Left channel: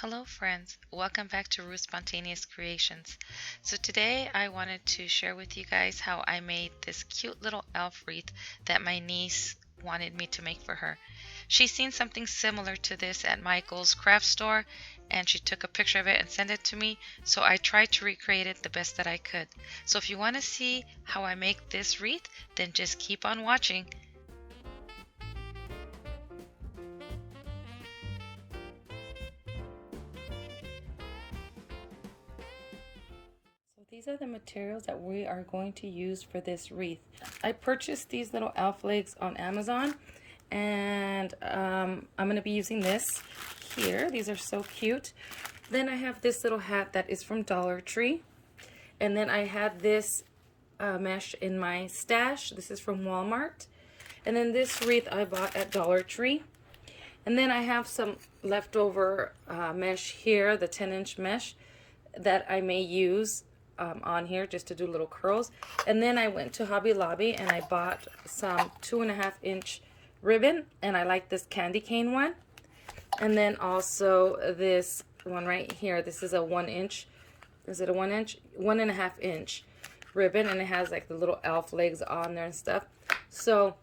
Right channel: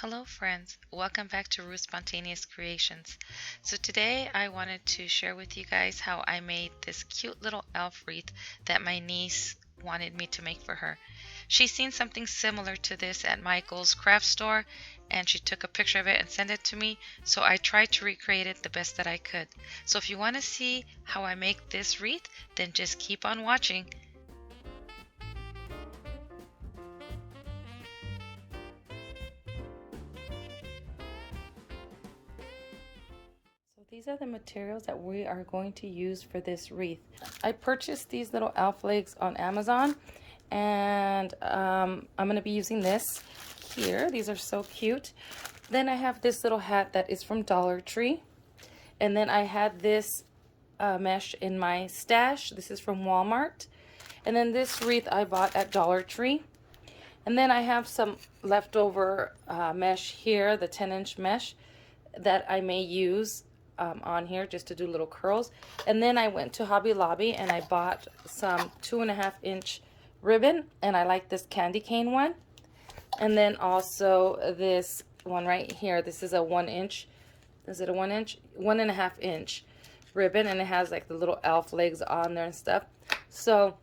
Hello friends, welcome back to Ruth Spontaneous Creations. So today I wanted to share with you guys how I made this cute little elf wreath that my niece wanted me to make for her. She's seen something similar to this at Michael's craft store and she took a picture of it and sent it to me, so I tried to recreate it the best that I could. So if you want to see how I make this wreath, then just keep on watching. So these are the materials that we are going to use for this wreath. I purchased these little elf legs on Amazon, and I'm going to be using this here. These are so cute. Then I have this little hat that is from Dollar Tree. And then I had this mesh in my stash. This is from Walmart. And then this wreath I bought at Dollar Tree. And then I have some leftover mesh here, the 10-inch mesh that I may use on here just to do little curls. And then I went to Hobby Lobby and I bought some 2.5-inch ribbon, and I like this candy cane one. And then also this one right here. This is a 1-inch. Is it a 1-inch? 1.5-inch ribbon, and it has like the little elf legs on there and stuff. So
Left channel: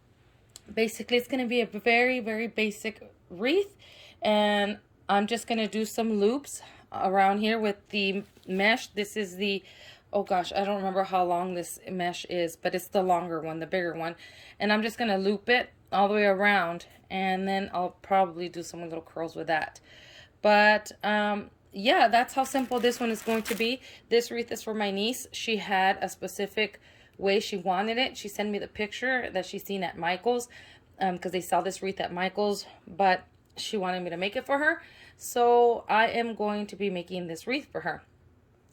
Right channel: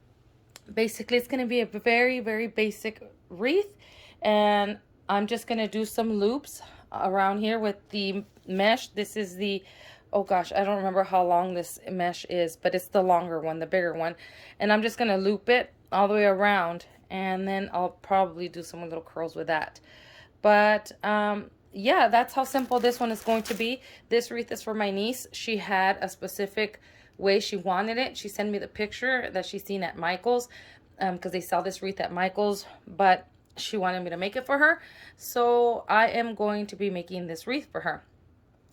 basically it's going to be a very, very basic wreath, and I'm just going to do some loops around here with the mesh. This is the, oh gosh, I don't remember how long this mesh is, but it's the longer one, the bigger one. And I'm just going to loop it all the way around, and then I'll probably do some little curls with that. But yeah, that's how simple this one is going to be. This wreath is for my niece. She had a specific way she wanted it. She sent me the picture that she's seen at Michael's, because they sell this wreath at Michael's, but she wanted me to make it for her. So I am going to be making this wreath for her.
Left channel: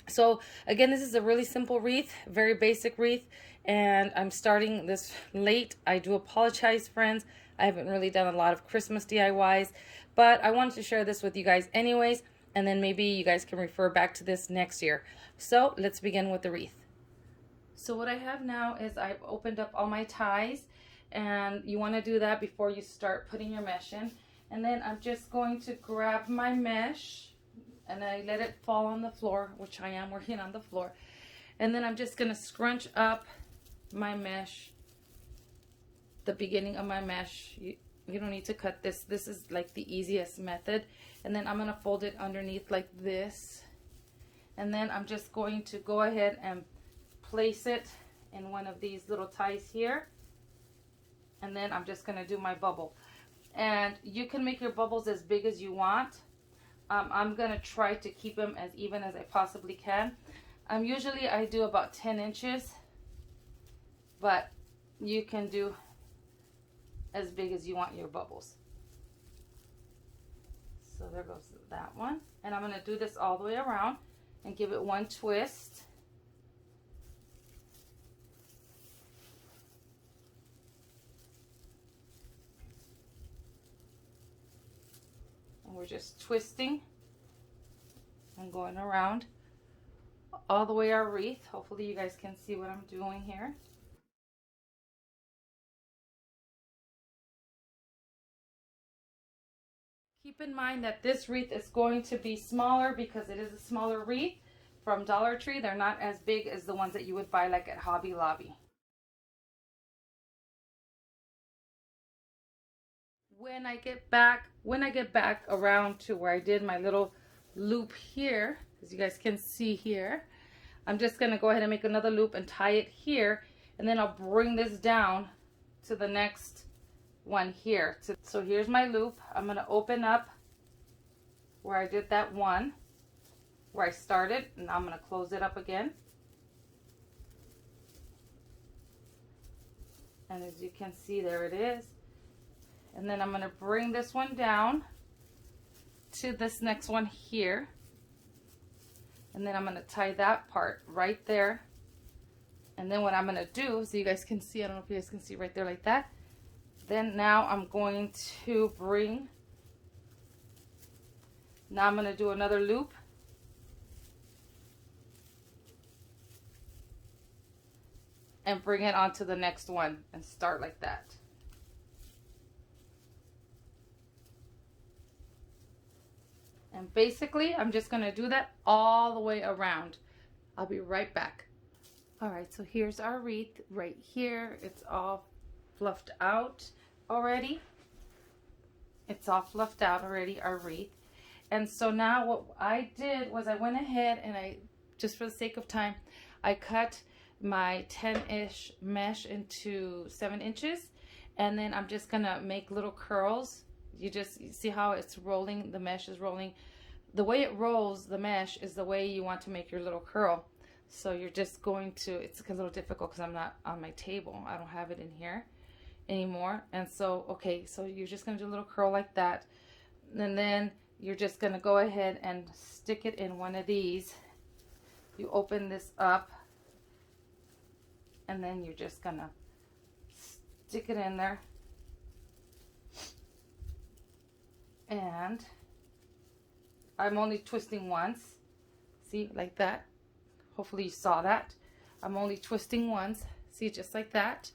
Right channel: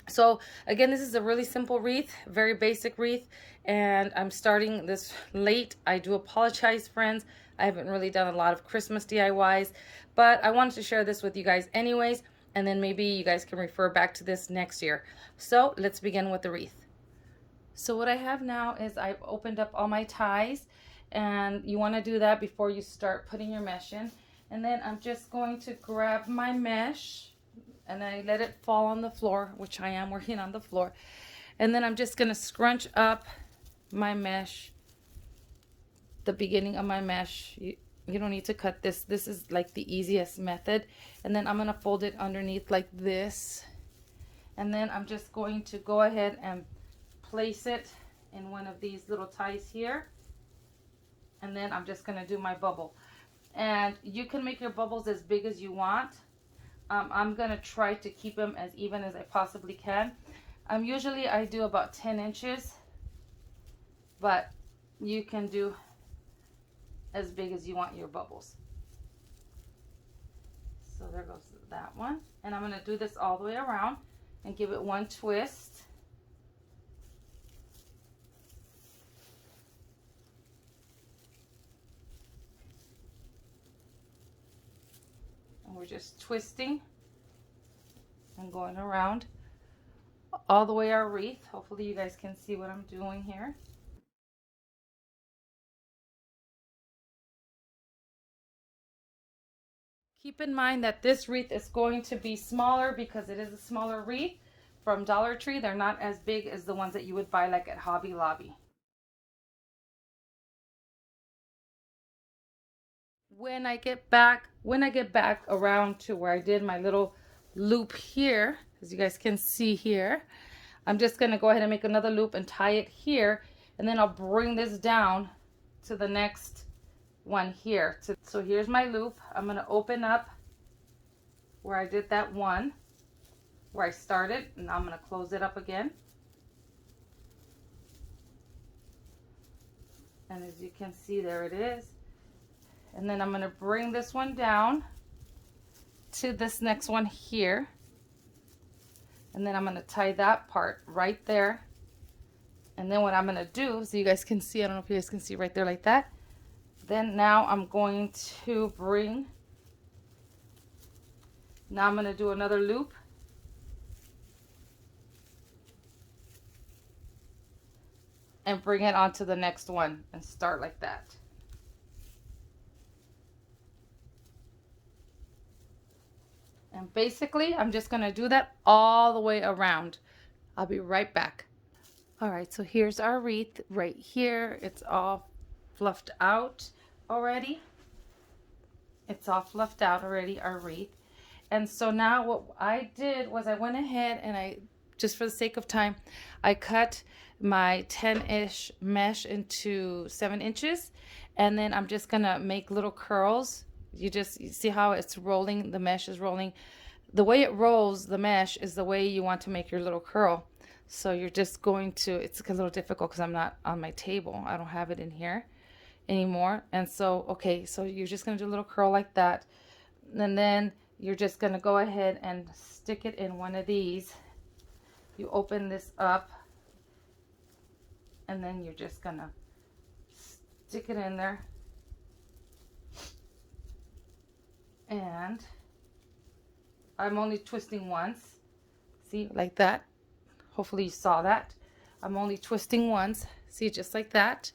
So again, this is a really simple wreath, very basic wreath, and I'm starting this late. I do apologize, friends. I haven't really done a lot of Christmas DIYs, but I wanted to share this with you guys anyways, and then maybe you guys can refer back to this next year. So let's begin with the wreath. So what I have now is I've opened up all my ties, and you want to do that before you start putting your mesh in. And then I'm just going to grab my mesh and I let it fall on the floor, which I am working on the floor. And then I'm just going to scrunch up my mesh, the beginning of my mesh. You don't need to cut this. This is like the easiest method. And then I'm going to fold it underneath like this. And then I'm just going to go ahead and place it in one of these little ties here. And then I'm just going to do my bubble. And you can make your bubbles as big as you want. I'm going to try to keep them as even as I possibly can. Usually I do about 10 inches, but you can do as big as you want your bubbles. So there goes that one. And I'm going to do this all the way around and give it one twist. And we're just twisting and going around all the way our wreath. Hopefully you guys can see what I'm doing here. Keep in mind that this wreath is going to be smaller because it is a smaller wreath from Dollar Tree. They're not as big as the ones that you would buy like at Hobby Lobby. When I get back around to where I did my little loop here, as you guys can see here, I'm just going to go ahead and make another loop and tie it here, and then I'll bring this down to the next one here. So here's my loop. I'm going to open up where I did that one, where I started, and I'm going to close it up again. And as you can see, there it is. And then I'm going to bring this one down to this next one here. And then I'm going to tie that part right there. And then what I'm going to do, so you guys can see, I don't know if you guys can see right there like that. Then now I'm going to now I'm going to do another loop. And bring it onto the next one and start like that. And basically, I'm just gonna do that all the way around. I'll be right back. All right, so here's our wreath right here. It's all fluffed out already. It's all fluffed out already, our wreath. And so now what I did was I went ahead and I, just for the sake of time, I cut my 10-ish mesh into 7 inches. And then I'm just gonna make little curls. You see how it's rolling, the mesh is rolling. The way it rolls, the mesh, is the way you want to make your little curl. So you're just going to, it's a little difficult because I'm not on my table. I don't have it in here anymore. And so, okay, so you're just gonna do a little curl like that. And then you're just gonna go ahead and stick it in one of these. You open this up and then you're just gonna stick it in there. And I'm only twisting once. See, like that. Hopefully you saw that. I'm only twisting once. See, just like that.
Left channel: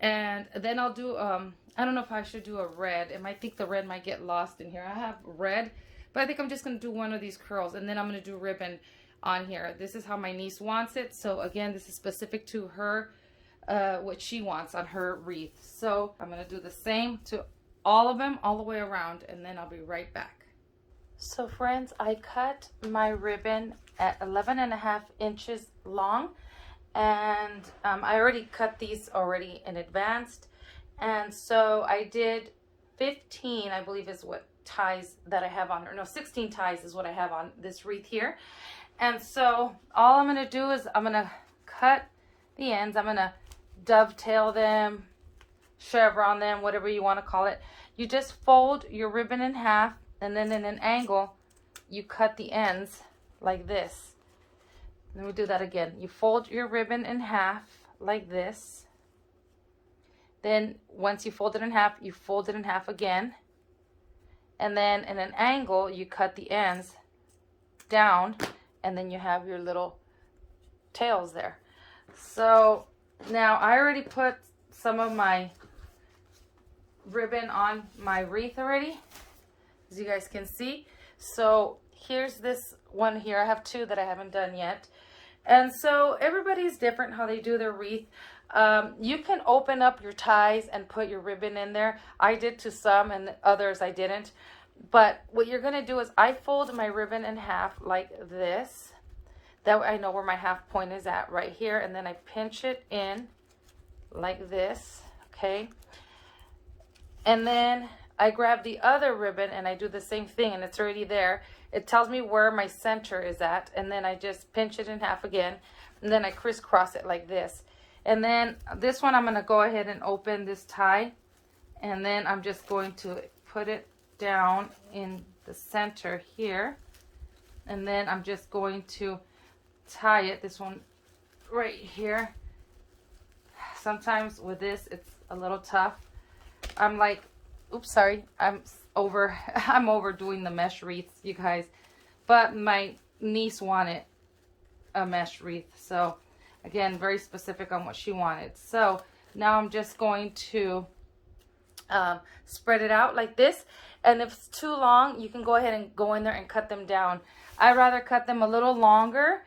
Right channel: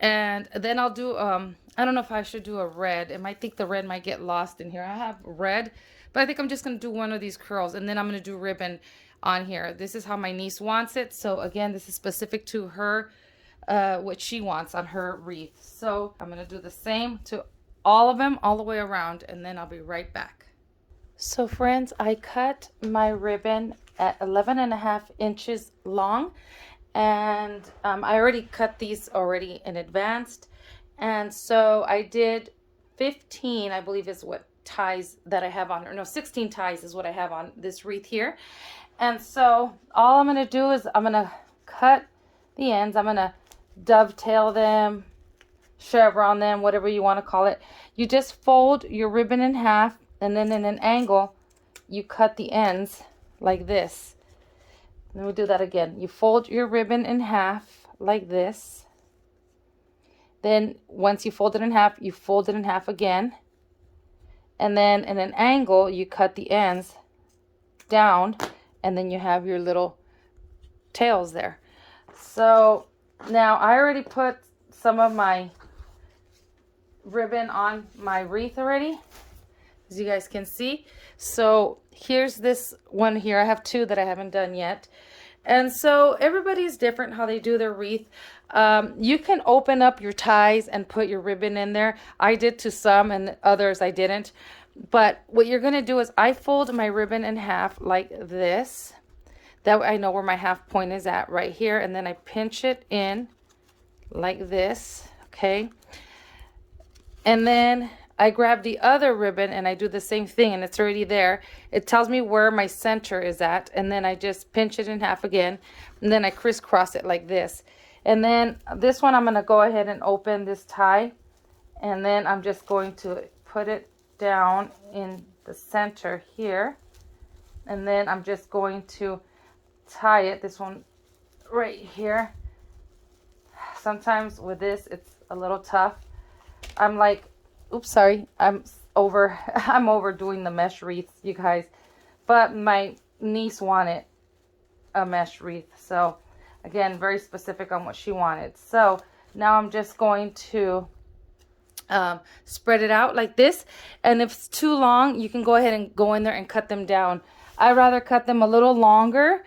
And then I'll do, I don't know if I should do a red. I might think the red might get lost in here. I have red, but I think I'm just going to do one of these curls. And then I'm going to do ribbon on here. This is how my niece wants it. So again, this is specific to her, what she wants on her wreath. So I'm going to do the same to all of them, all the way around. And then I'll be right back. So friends, I cut my ribbon at 11.5 inches long. And I already cut these already in advance. And so I did 15, I believe is what ties that I have on, or no, 16 ties is what I have on this wreath here. And so all I'm gonna do is I'm gonna cut the ends. I'm gonna dovetail them, chevron them, whatever you wanna call it. You just fold your ribbon in half, and then in an angle, you cut the ends like this. Let me do that again. You fold your ribbon in half like this. Then once you fold it in half, you fold it in half again. And then in an angle, you cut the ends down, and then you have your little tails there. So now I already put some of my ribbon on my wreath already, as you guys can see. So here's this one here. I have 2 that I haven't done yet. And so everybody's different how they do their wreath. You can open up your ties and put your ribbon in there. I did to some, and others I didn't. But what you're going to do is I fold my ribbon in half like this. That way I know where my half point is at right here. And then I pinch it in like this. Okay. And then I grab the other ribbon and I do the same thing, and it's already there. It tells me where my center is at, and then I just pinch it in half again, and then I crisscross it like this. And then this one I'm going to go ahead and open this tie, and then I'm just going to put it down in the center here, and then I'm just going to tie it, this one right here. Sometimes with this it's a little tough. I'm like, oops, sorry, I'm overdoing the mesh wreaths, you guys. But my niece wanted a mesh wreath. So again, very specific on what she wanted. So now I'm just going to spread it out like this. And if it's too long, you can go ahead and go in there and cut them down. I'd rather cut them a little longer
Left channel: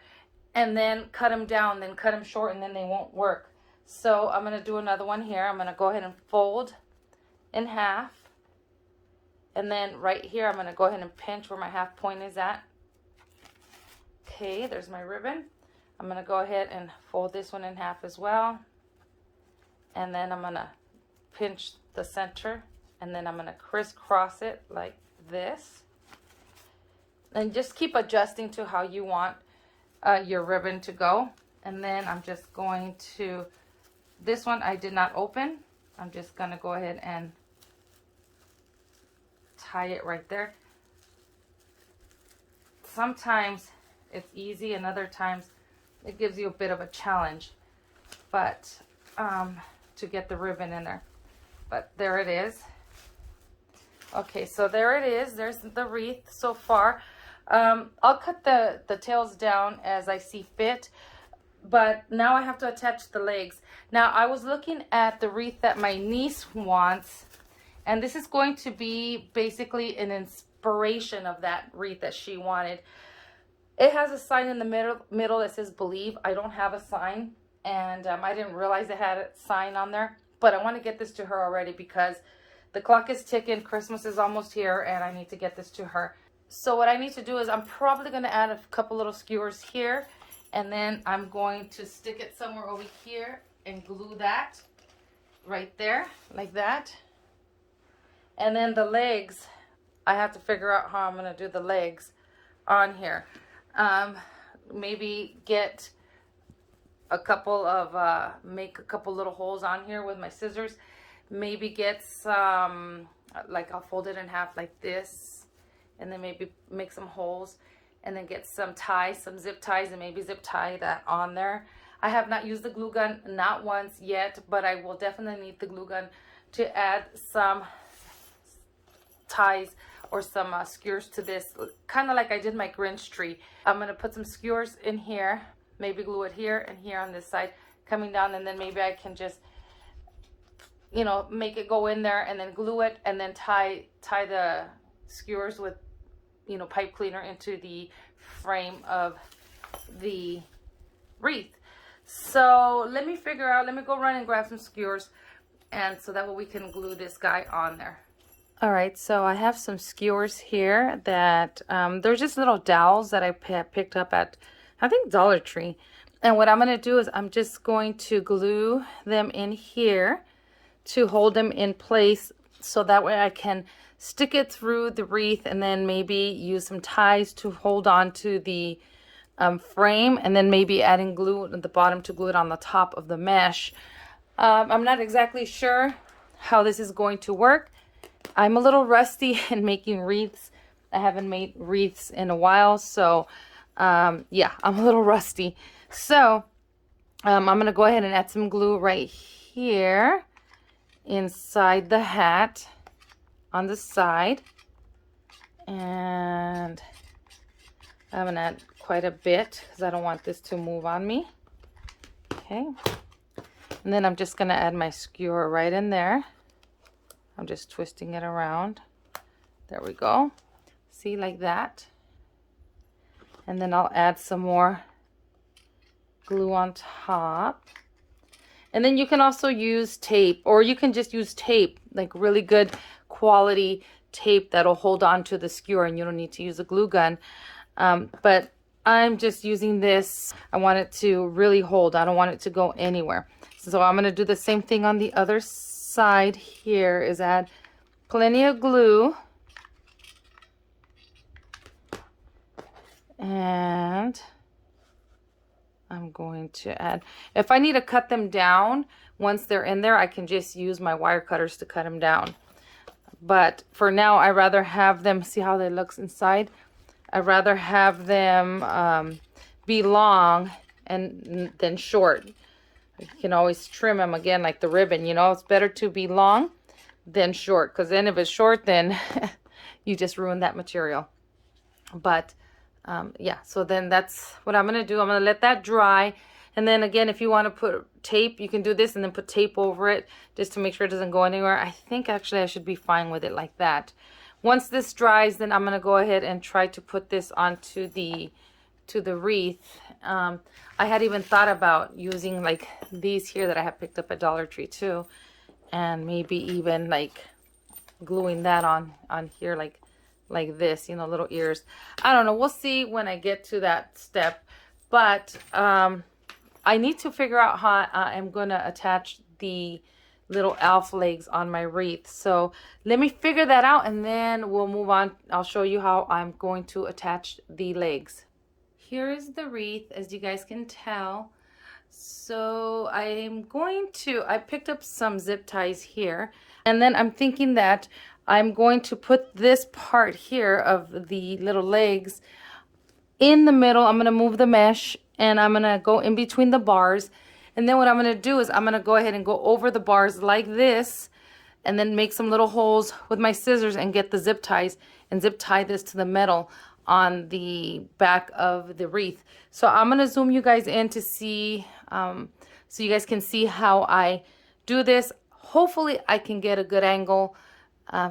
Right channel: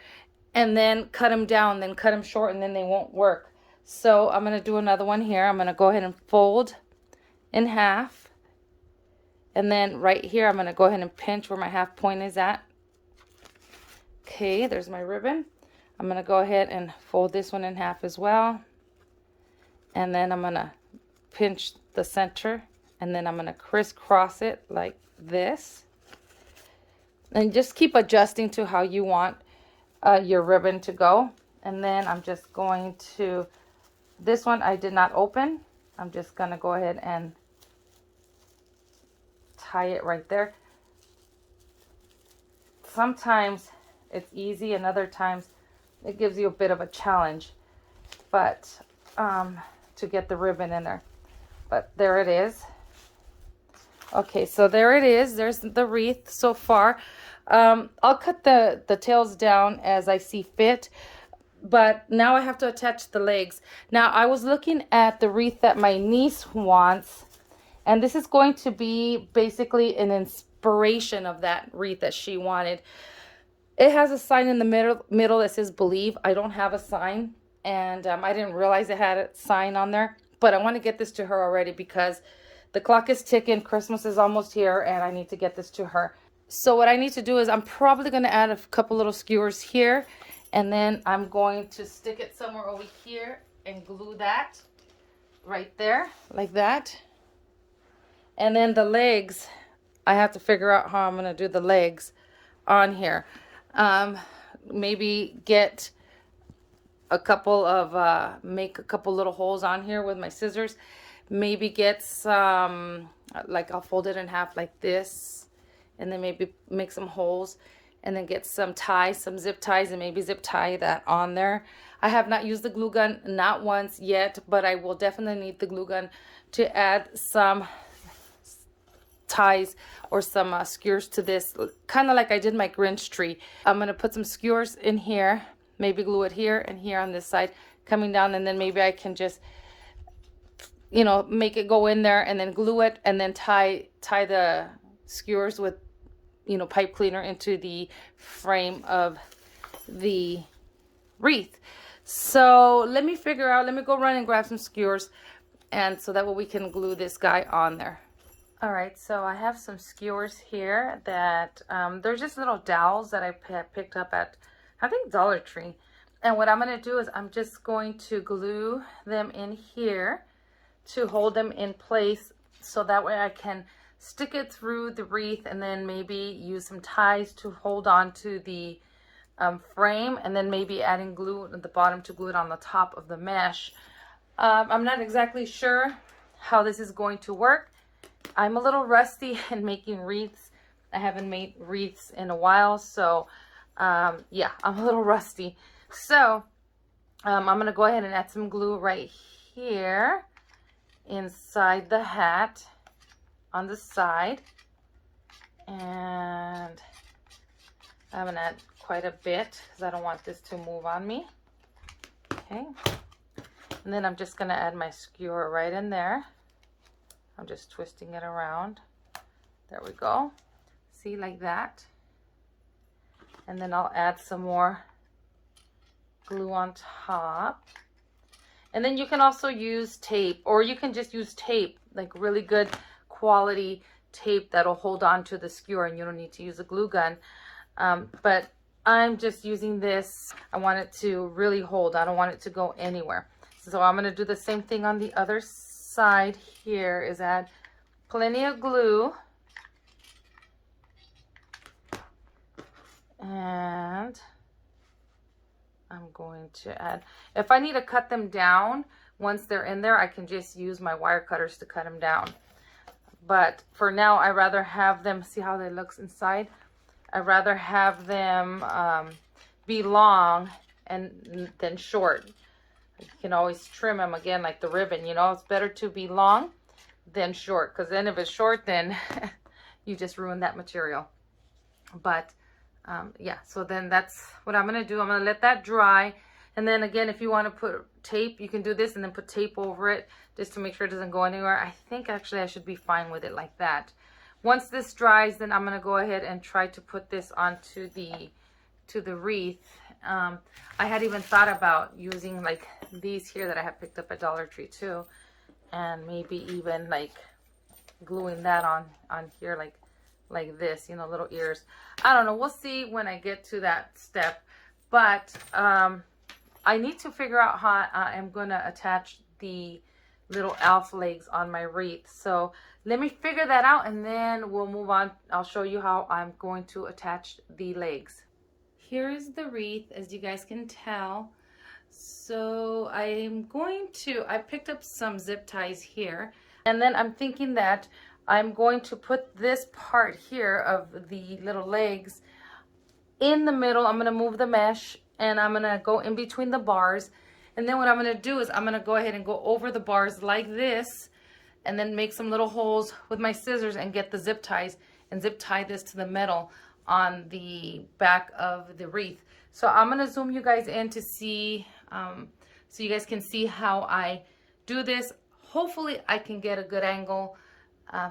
and then cut them down than cut them short, and then they won't work. So I'm going to do another one here. I'm going to go ahead and fold in half, and then right here I'm going to go ahead and pinch where my half point is at. Okay, there's my ribbon. I'm going to go ahead and fold this one in half as well, and then I'm going to pinch the center, and then I'm going to crisscross it like this, and just keep adjusting to how you want your ribbon to go. And then I'm just going to, this one I did not open, I'm just going to go ahead and tie it right there. Sometimes it's easy, and other times it gives you a bit of a challenge, but to get the ribbon in there. But there it is. Okay, so there it is. There's the wreath so far. I'll cut the tails down as I see fit, but now I have to attach the legs. Now I was looking at the wreath that my niece wants, and this is going to be basically an inspiration of that wreath that she wanted. It has a sign in the middle that says believe. I don't have a sign, and I didn't realize it had a sign on there, but I want to get this to her already because the clock is ticking. Christmas is almost here, and I need to get this to her. So what I need to do is I'm probably going to add a couple little skewers here, and then I'm going to stick it somewhere over here and glue that right there like that. And then the legs, I have to figure out how I'm going to do the legs on here. Maybe get a couple of make a couple little holes on here with my scissors. Maybe get some, like I'll fold it in half like this, and then maybe make some holes, and then get some ties, some zip ties, and maybe zip tie that on there. I have not used the glue gun, not once yet, but I will definitely need the glue gun to add some ties or some skewers to this, kind of like I did my Grinch tree. I'm going to put some skewers in here, maybe glue it here and here on this side coming down, and then maybe I can just, you know, make it go in there and then glue it, and then tie the skewers with, you know, pipe cleaner into the frame of the wreath. So let me figure out, let me go run and grab some skewers, and so that way we can glue this guy on there. All right, so I have some skewers here that they're just little dowels that I picked up at, I think, Dollar Tree. And what I'm going to do is I'm just going to glue them in here to hold them in place, so that way I can stick it through the wreath, and then maybe use some ties to hold on to the frame, and then maybe adding glue at the bottom to glue it on the top of the mesh. I'm not exactly sure how this is going to work. I'm a little rusty in making wreaths. I haven't made wreaths in a while, so yeah, I'm a little rusty. So I'm gonna go ahead and add some glue right here inside the hat on the side, and I'm gonna add quite a bit because I don't want this to move on me. Okay, and then I'm just gonna add my skewer right in there. I'm just twisting it around. There we go. See, like that. And then I'll add some more glue on top. And then you can also use tape, or you can just use tape, like really good quality tape that'll hold on to the skewer, and you don't need to use a glue gun. But I'm just using this. I want it to really hold. I don't want it to go anywhere. So I'm going to do the same thing on the other side here, is add plenty of glue. And I'm going to add, if I need to cut them down once they're in there, I can just use my wire cutters to cut them down. But for now, I rather have them, see how they looks inside? I'd rather have them be long and than short. You can always trim them again like the ribbon, you know. It's better to be long than short, because then if it's short, then you just ruin that material. But yeah, so then that's what I'm going to do. I'm going to let that dry. And then again, if you want to put tape, you can do this and then put tape over it just to make sure it doesn't go anywhere. I think actually I should be fine with it like that. Once this dries, then I'm going to go ahead and try to put this onto the wreath. I had even thought about using like these here that I have picked up at Dollar Tree too, and maybe even like gluing that on here like this, you know, little ears. I don't know, we'll see when I get to that step. But I need to figure out how I'm gonna attach the little elf legs on my wreath. So let me figure that out, and then we'll move on. I'll show you how I'm going to attach the legs. Here is the wreath, as you guys can tell. So I picked up some zip ties here, and then I'm thinking that I'm going to put this part here of the little legs in the middle. I'm going to move the mesh, and I'm going to go in between the bars. And then what I'm going to do is I'm going to go ahead and go over the bars like this, and then make some little holes with my scissors and get the zip ties and zip tie this to the metal on the back of the wreath. So I'm going to zoom you guys in to see, so you guys can see how I do this. Hopefully I can get a good angle.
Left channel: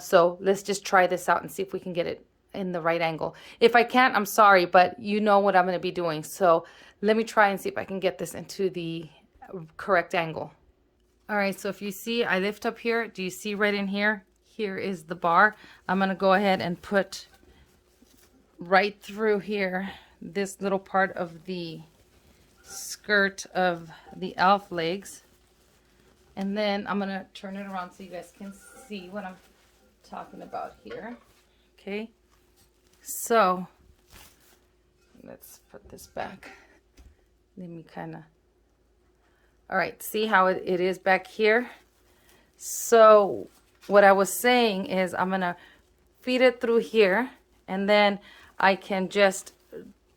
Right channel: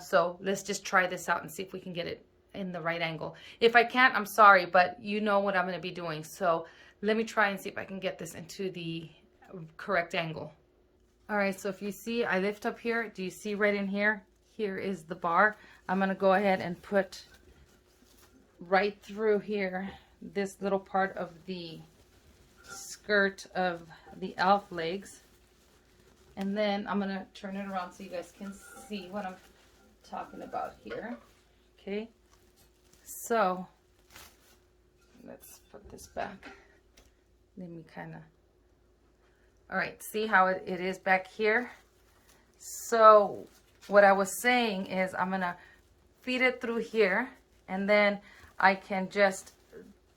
So let's just try this out and see if we can get it in the right angle. If I can't, I'm sorry, but you know what I'm going to be doing. So let me try and see if I can get this into the correct angle. All right, so if you see, I lift up here. Do you see right in here? Here is the bar. I'm going to go ahead and put right through here this little part of the skirt of the elf legs. And then I'm going to turn it around so you guys can see what I'm talking about here. Okay, so let's put this back. Let me kind of, all right, see how it is back here? So what I was saying is I'm going to feed it through here, and then I can just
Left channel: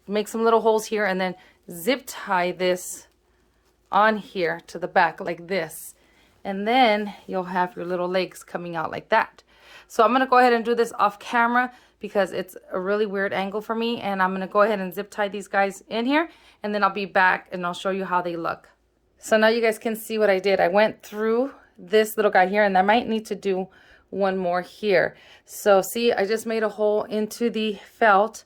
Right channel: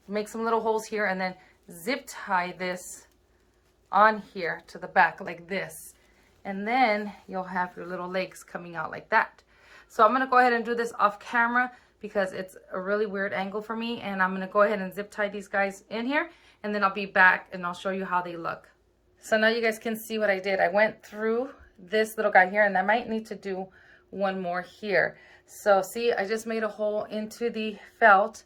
make some little holes here and then zip tie this on here to the back like this. And then you'll have your little legs coming out like that. So I'm going to go ahead and do this off camera because it's a really weird angle for me. And I'm going to go ahead and zip tie these guys in here. And then I'll be back and I'll show you how they look. So now you guys can see what I did. I went through this little guy here, and I might need to do one more here. So see, I just made a hole into the felt,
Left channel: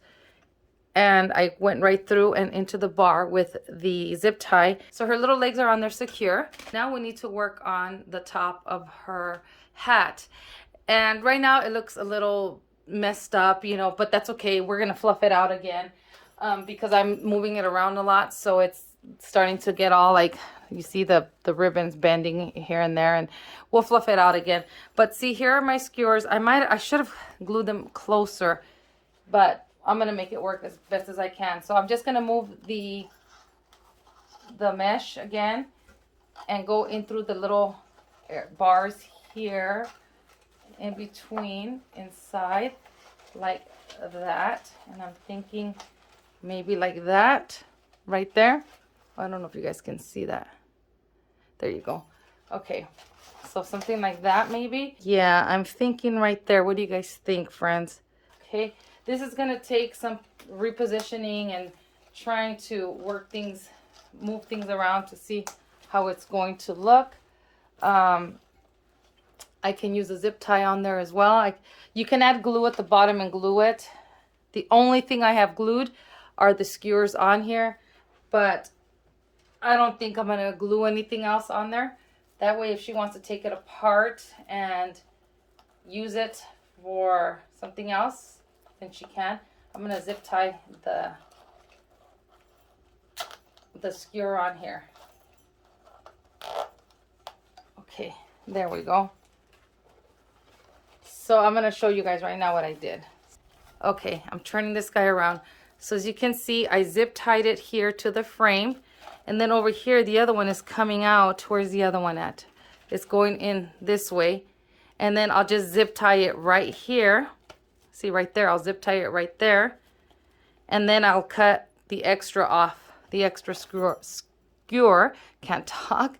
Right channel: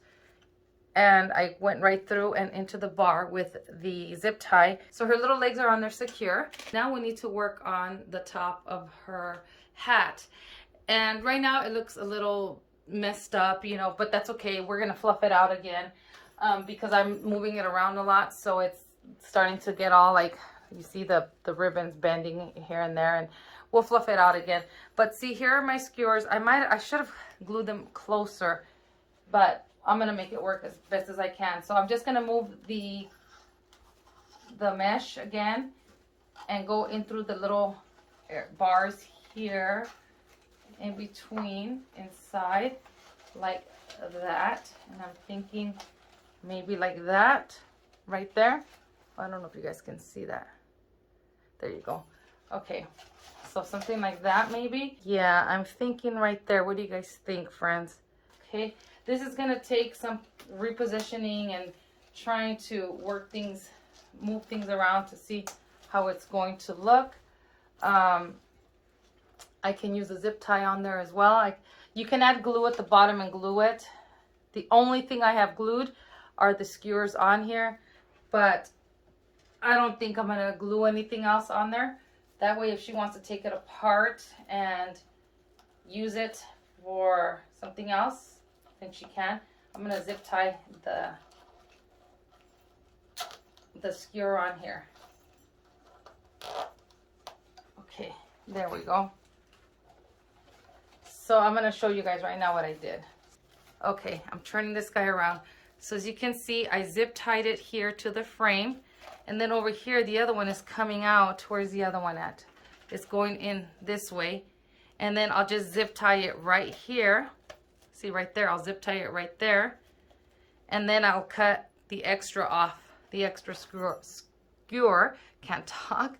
and I went right through and into the bar with the zip tie. So her little legs are on there secure. Now we need to work on the top of her hat. And right now it looks a little messed up, you know, but that's okay. We're gonna fluff it out again because I'm moving it around a lot. So it's starting to get all like, you see the ribbons bending here and there, and we'll fluff it out again. But see, here are my skewers. I should have glued them closer, but I'm gonna make it work as best as I can. So I'm just gonna move the mesh again and go in through the little bars here in between, inside, like that. And I'm thinking maybe like that right there. I don't know if you guys can see that. There you go. Okay, so something like that maybe. Yeah, I'm thinking right there. What do you guys think, friends? Okay, this is gonna take some repositioning and trying to work things, move things around to see how it's going to look. I can use a zip tie on there as well. You can add glue at the bottom and glue it. The only thing I have glued are the skewers on here, but I don't think I'm gonna glue anything else on there. That way, if she wants to take it apart and use it for something else, then she can. I'm gonna zip tie the skewer on here. Okay, there we go. So I'm gonna show you guys right now what I did. Okay, I'm turning this guy around. So as you can see, I zip tied it here to the frame. And then over here, the other one is coming out. Where's the other one at? It's going in this way. And then I'll just zip tie it right here. See right there, I'll zip tie it right there. And then I'll cut the extra off, the extra skewer, can't talk.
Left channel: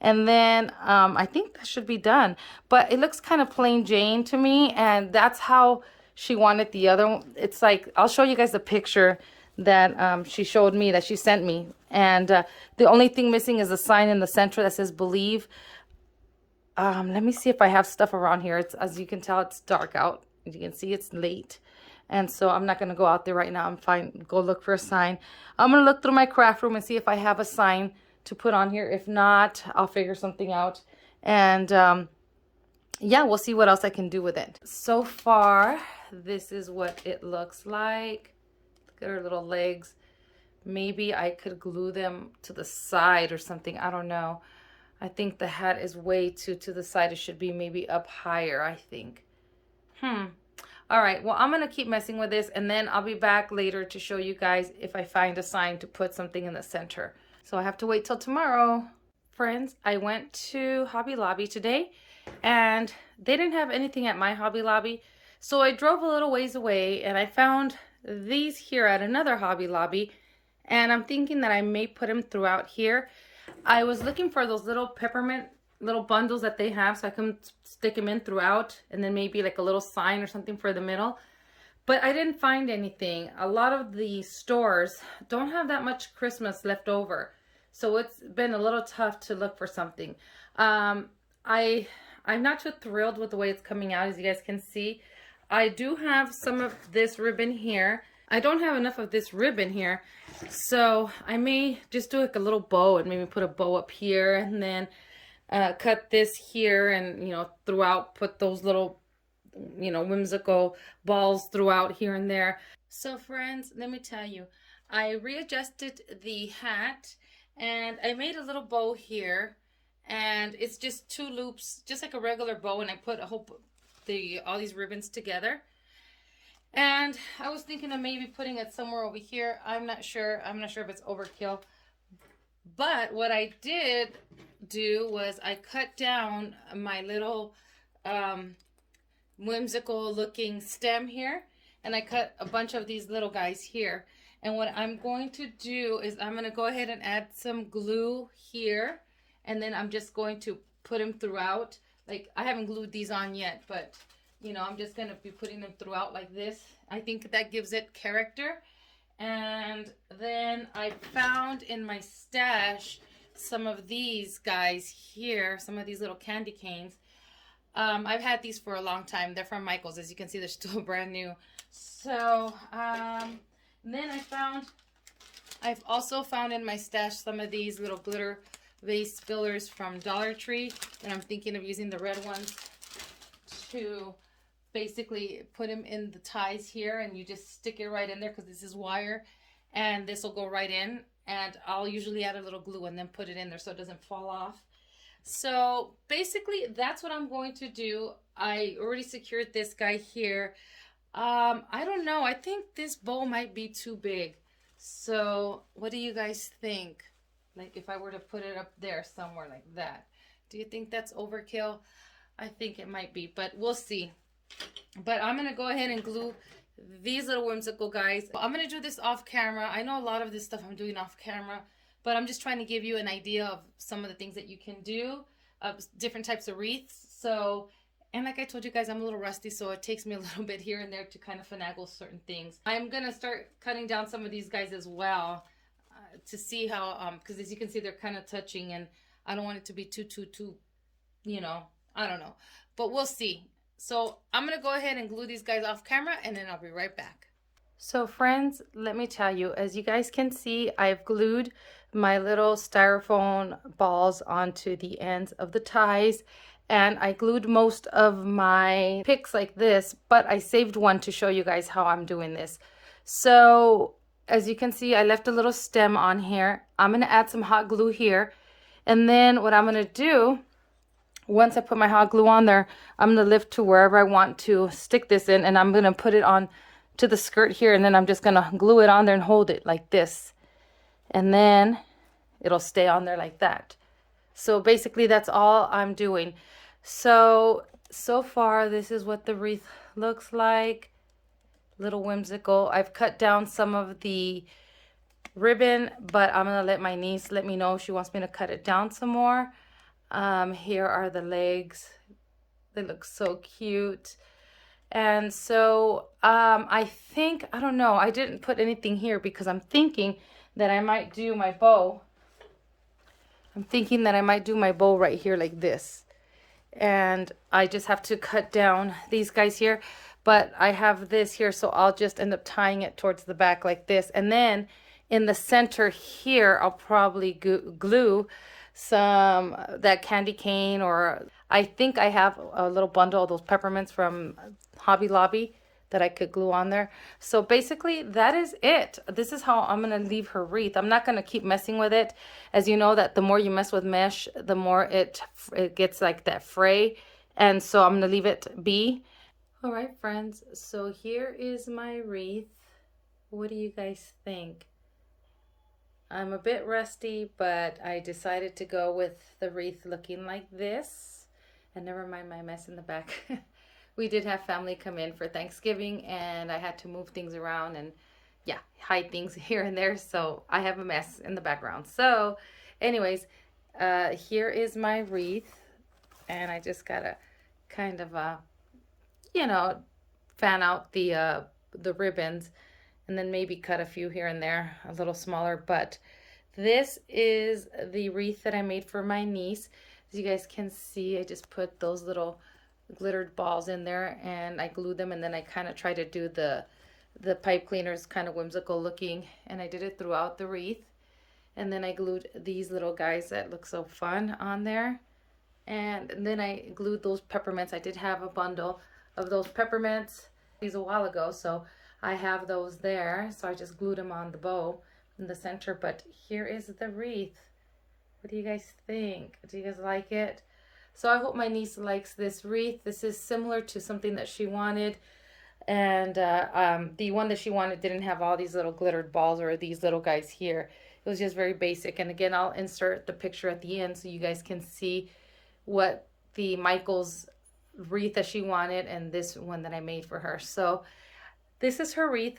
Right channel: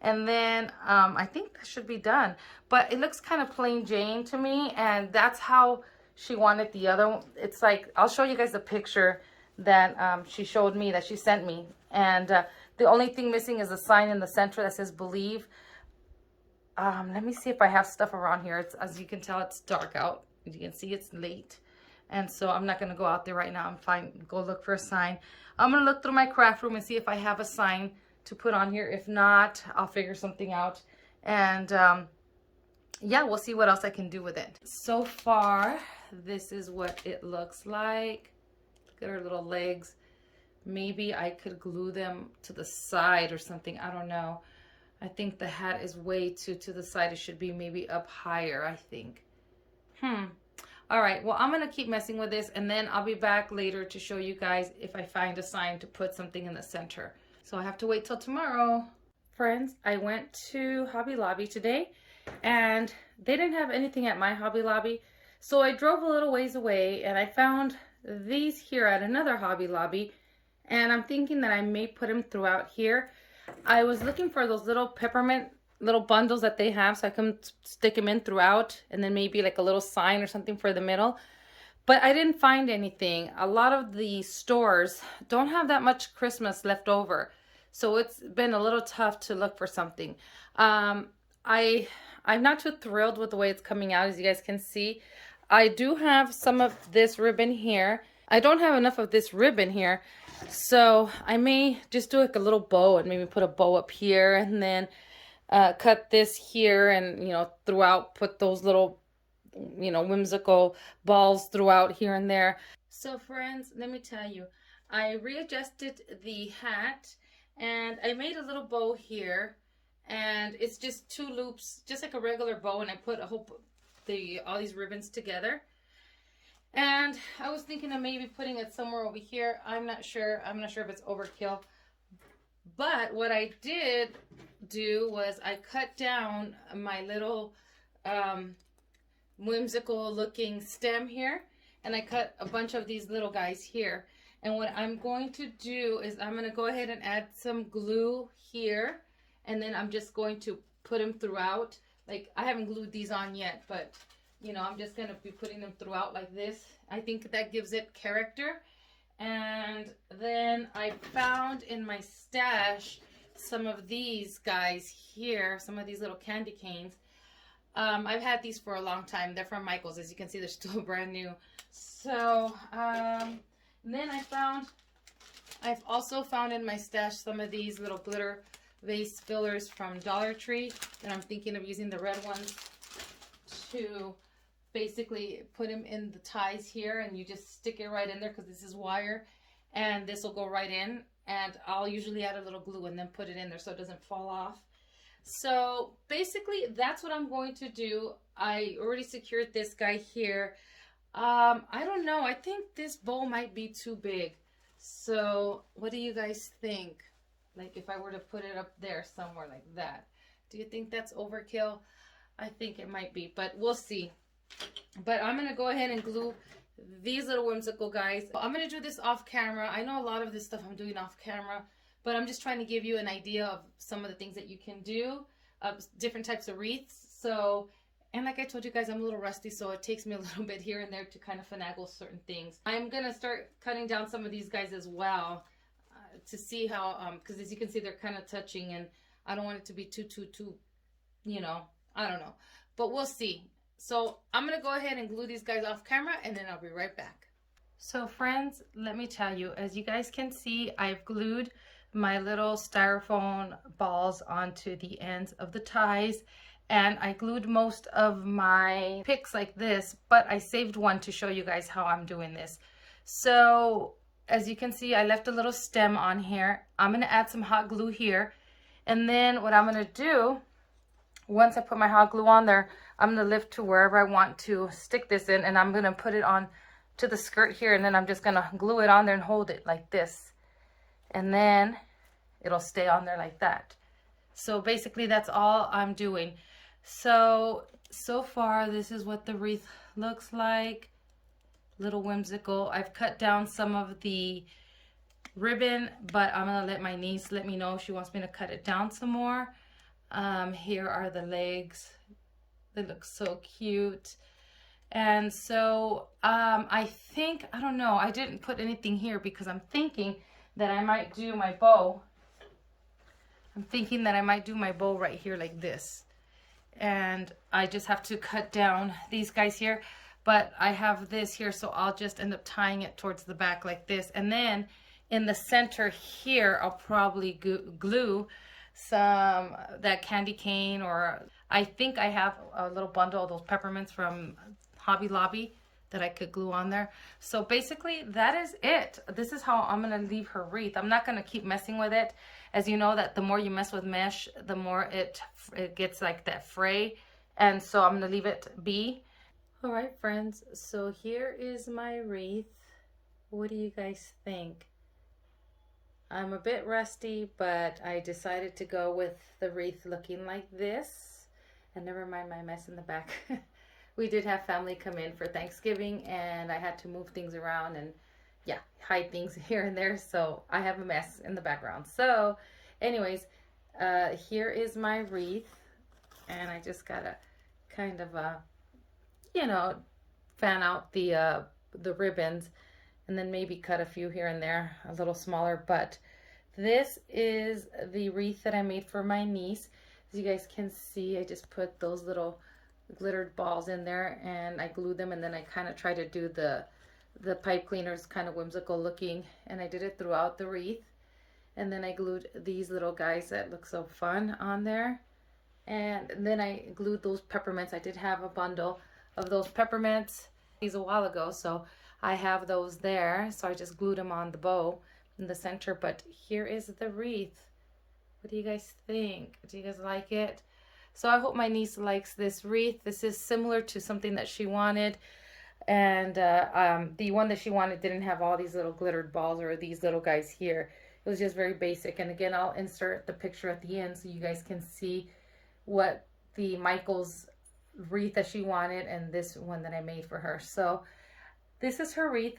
And then I think that should be done. But it looks kind of plain Jane to me. And that's how she wanted the other one. It's like, I'll show you guys the picture that she showed me, that she sent me. And the only thing missing is a sign in the center that says believe. Let me see if I have stuff around here. It's, as you can tell, it's dark out. As you can see, it's late. And so I'm not going to go out there right now. I'm fine. Go look for a sign. I'm going to look through my craft room and see if I have a sign to put on here. If not, I'll figure something out. And yeah, we'll see what else I can do with it. So far, this is what it looks like. Look at her little legs. Maybe I could glue them to the side or something. I don't know. I think the hat is way too to the side. It should be maybe up higher, I think. All right, well, I'm going to keep messing with this, and then I'll be back later to show you guys if I find a sign to put something in the center. So I have to wait till tomorrow. Friends, I went to Hobby Lobby today, and they didn't have anything at my Hobby Lobby. So I drove a little ways away, and I found these here at another Hobby Lobby, and I'm thinking that I may put them throughout here. I was looking for those little peppermint little bundles that they have so I can stick them in throughout, and then maybe like a little sign or something for the middle. But I didn't find anything. A lot of the stores don't have that much Christmas left over. So it's been a little tough to look for something. I'm not too thrilled with the way it's coming out, as you guys can see. I do have some of this ribbon here. I don't have enough of this ribbon here, so I may just do like a little bow and maybe put a bow up here, and then cut this here, and throughout put those little whimsical balls throughout here and there. So friends, let me tell you, I readjusted the hat and I made a little bow here, and it's just 2 loops, just like a regular bow, and I put all these ribbons together. And I was thinking of maybe putting it somewhere over here. I'm not sure if it's overkill. But what I did do was I cut down my little whimsical looking stem here, and I cut a bunch of these little guys here. And what I'm going to do is I'm going to go ahead and add some glue here, and then I'm just going to put them throughout. Like, I haven't glued these on yet, but I'm just going to be putting them throughout like this. I think that gives it character. And then I found in my stash some of these guys here, some of these little candy canes. I've had these for a long time. They're from Michael's. As you can see, they're still brand new. So then I've also found in my stash some of these little glitter vase fillers from Dollar Tree, and I'm thinking of using the red ones to basically put them in the ties here, and you just stick it right in there because this is wire, and this will go right in. And I'll usually add a little glue and then put it in there so it doesn't fall off. So basically that's what I'm going to do. I already secured this guy here. I don't know, I think this bow might be too big. So what do you guys think? Like, if I were to put it up there somewhere like that, do you think that's overkill? I think it might be, but we'll see. But I'm gonna go ahead and glue these little whimsical guys. I'm gonna do this off camera. I know a lot of this stuff I'm doing off camera, but I'm just trying to give you an idea of some of the things that you can do, different types of wreaths. So, and like I told you guys, I'm a little rusty, so it takes me a little bit here and there to kind of finagle certain things. I'm gonna start cutting down some of these guys as well, to see how, because as you can see, they're kind of touching, and I don't want it to be too, I don't know, but we'll see. So I'm gonna go ahead and glue these guys off camera, and then I'll be right back. So friends, let me tell you, as you guys can see, I've glued my little styrofoam balls onto the ends of the ties, and I glued most of my picks like this, but I saved one to show you guys how I'm doing this. So as you can see, I left a little stem on here. I'm gonna add some hot glue here, and then what I'm gonna do, once I put my hot glue on there, I'm gonna lift to wherever I want to stick this in, and I'm gonna put it on to the skirt here, and then I'm just gonna glue it on there and hold it like this, and then it'll stay on there like that. So basically that's all I'm doing. So far this is what the wreath looks like. Little whimsical. I've cut down some of the ribbon, but I'm gonna let my niece let me know if she wants me to cut it down some more. Here are the legs. They look so cute. And so I think, I don't know, I didn't put anything here because I'm thinking that I might do my bow. I'm thinking that I might do my bow right here like this. And I just have to cut down these guys here. But I have this here, so I'll just end up tying it towards the back like this. And then in the center here, I'll probably glue some that candy cane, or I think I have a little bundle of those peppermints from Hobby Lobby that I could glue on there. So basically that is it. This is how I'm gonna leave her wreath. I'm not gonna keep messing with it. As you know, that the more you mess with mesh, the more it gets like that fray, and so I'm gonna leave it be. All right friends, so here is my wreath. What do you guys think? I'm a bit rusty, but I decided to go with the wreath looking like this. And never mind my mess in the back. We did have family come in for Thanksgiving, and I had to move things around and yeah, hide things here and there. So I have a mess in the background. So anyways, here is my wreath, and I just gotta kind of fan out the ribbons, and then maybe cut a few here and there, a little smaller. But this is the wreath that I made for my niece. As you guys can see, I just put those little glittered balls in there, and I glued them, and then I kind of tried to do the pipe cleaners kind of whimsical looking, and I did it throughout the wreath. And then I glued these little guys that look so fun on there. And then I glued those peppermints. I did have a bundle of those peppermints these a while ago, so I have those there. So I just glued them on the bow in the center. But here is the wreath. What do you guys think? Do you guys like it? So I hope my niece likes this wreath. This is similar to something that she wanted. And the one that she wanted didn't have all these little glittered balls or these little guys here. It was just very basic. And again, I'll insert the picture at the end so you guys can see what the Michael's wreath that she wanted and this one that I made for her. So this is her wreath.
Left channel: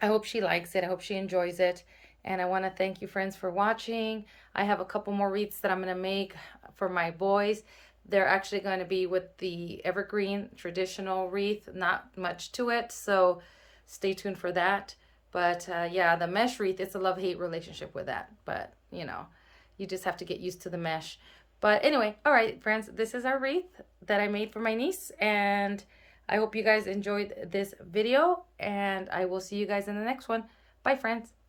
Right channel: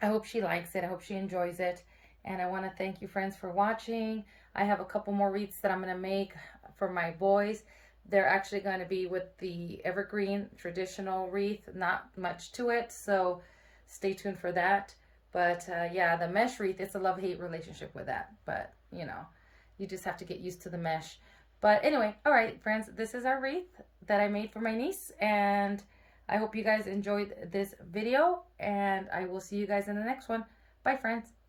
I hope she likes it. I hope she enjoys it. And I want to thank you, friends, for watching. I have a couple more wreaths that I'm going to make for my boys. They're actually going to be with the evergreen traditional wreath. Not much to it, so stay tuned for that. But yeah, the mesh wreath, it's a love-hate relationship with that. But, you know, you just have to get used to the mesh. But anyway, all right, friends, this is our wreath that I made for my niece. And I hope you guys enjoyed this video. And I will see you guys in the next one. Bye, friends.